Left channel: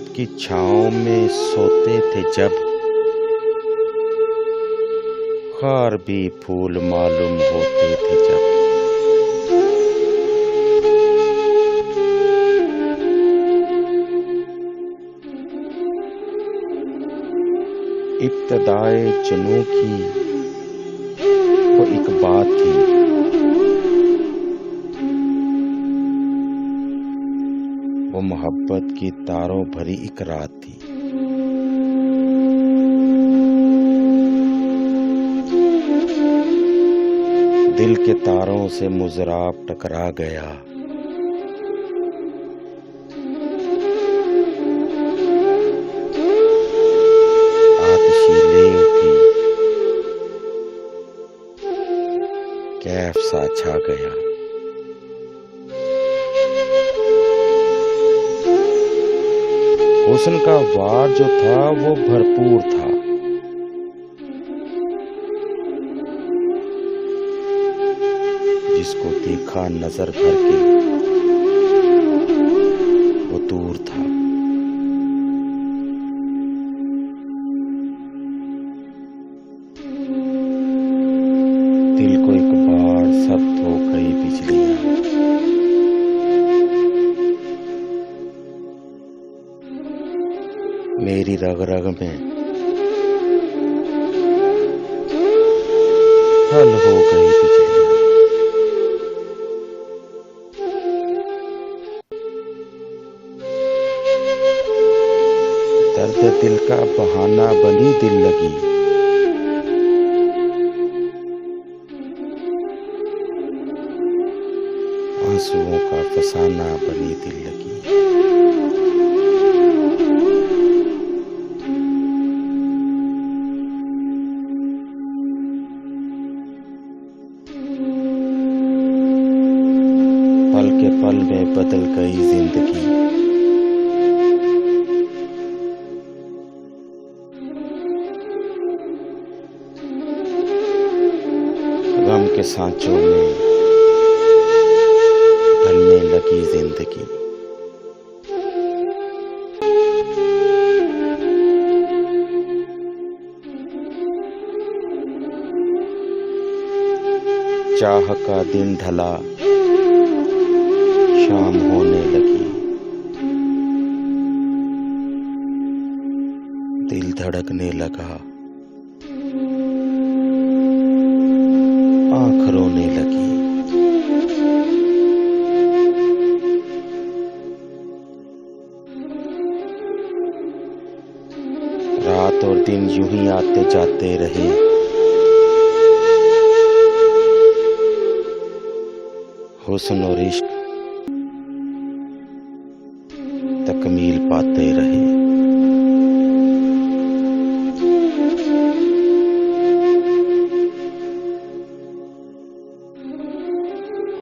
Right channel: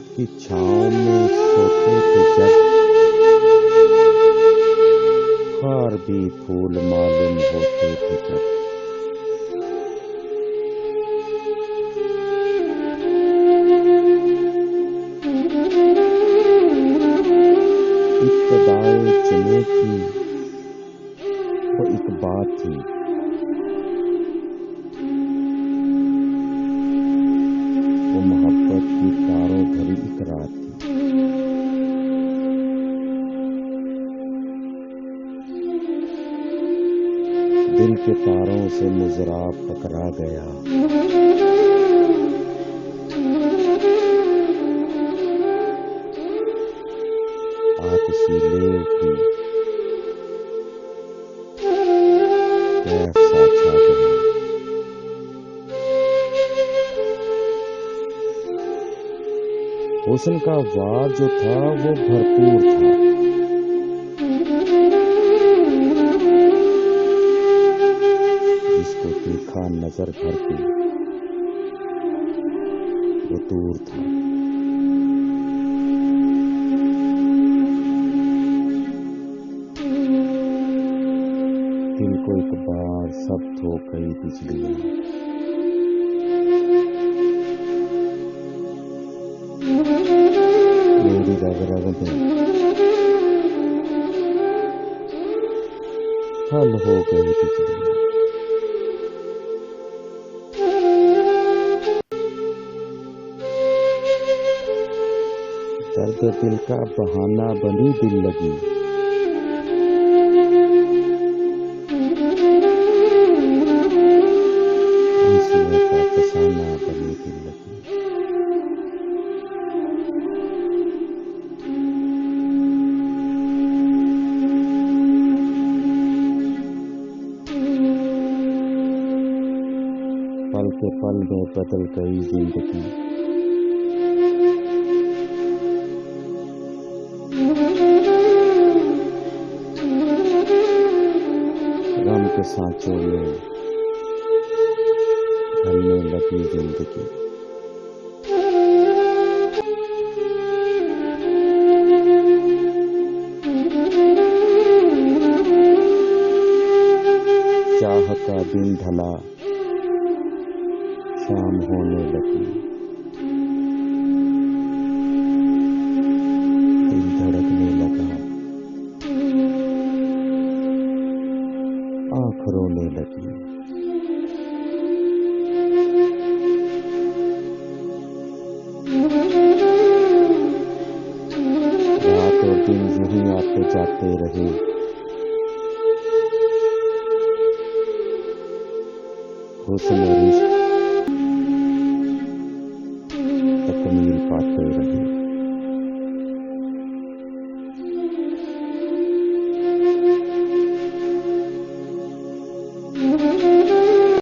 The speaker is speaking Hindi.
मोहब्बत की छाँव में सोते थे जब, खार भी फूल मालूम होते थे जब। इब्तिदाए जुनून की वो एक बात थी, वो मोहब्बत की तारों भरी एक रात थी। दिल के तारों से मुजराब टकरा गया, आतिशी ले उठी, कैफ सा छा गया। हुस्न का वार जो था वो भरपूर था, जिसको देखा नजर भर के वो दूर था। दिल को एक बार सख्त हो गई बिजलियां, मेरी रग रग में हल हो गई बिजलियां। दर्द दिल का बहाना बनी दिल लगी, आंसुओं का फसाना बनी दिल लगी। पल के पल में बदल गई जिंदगी, गम के सांचों में ढलने लगी जिंदगी। चाह का दिन ढला, शाम होने लगी, दिल धड़कने लगा, आँख रोने लगी। रात और दिन यूं ही आते जाते रहे, हुस्न और इश्क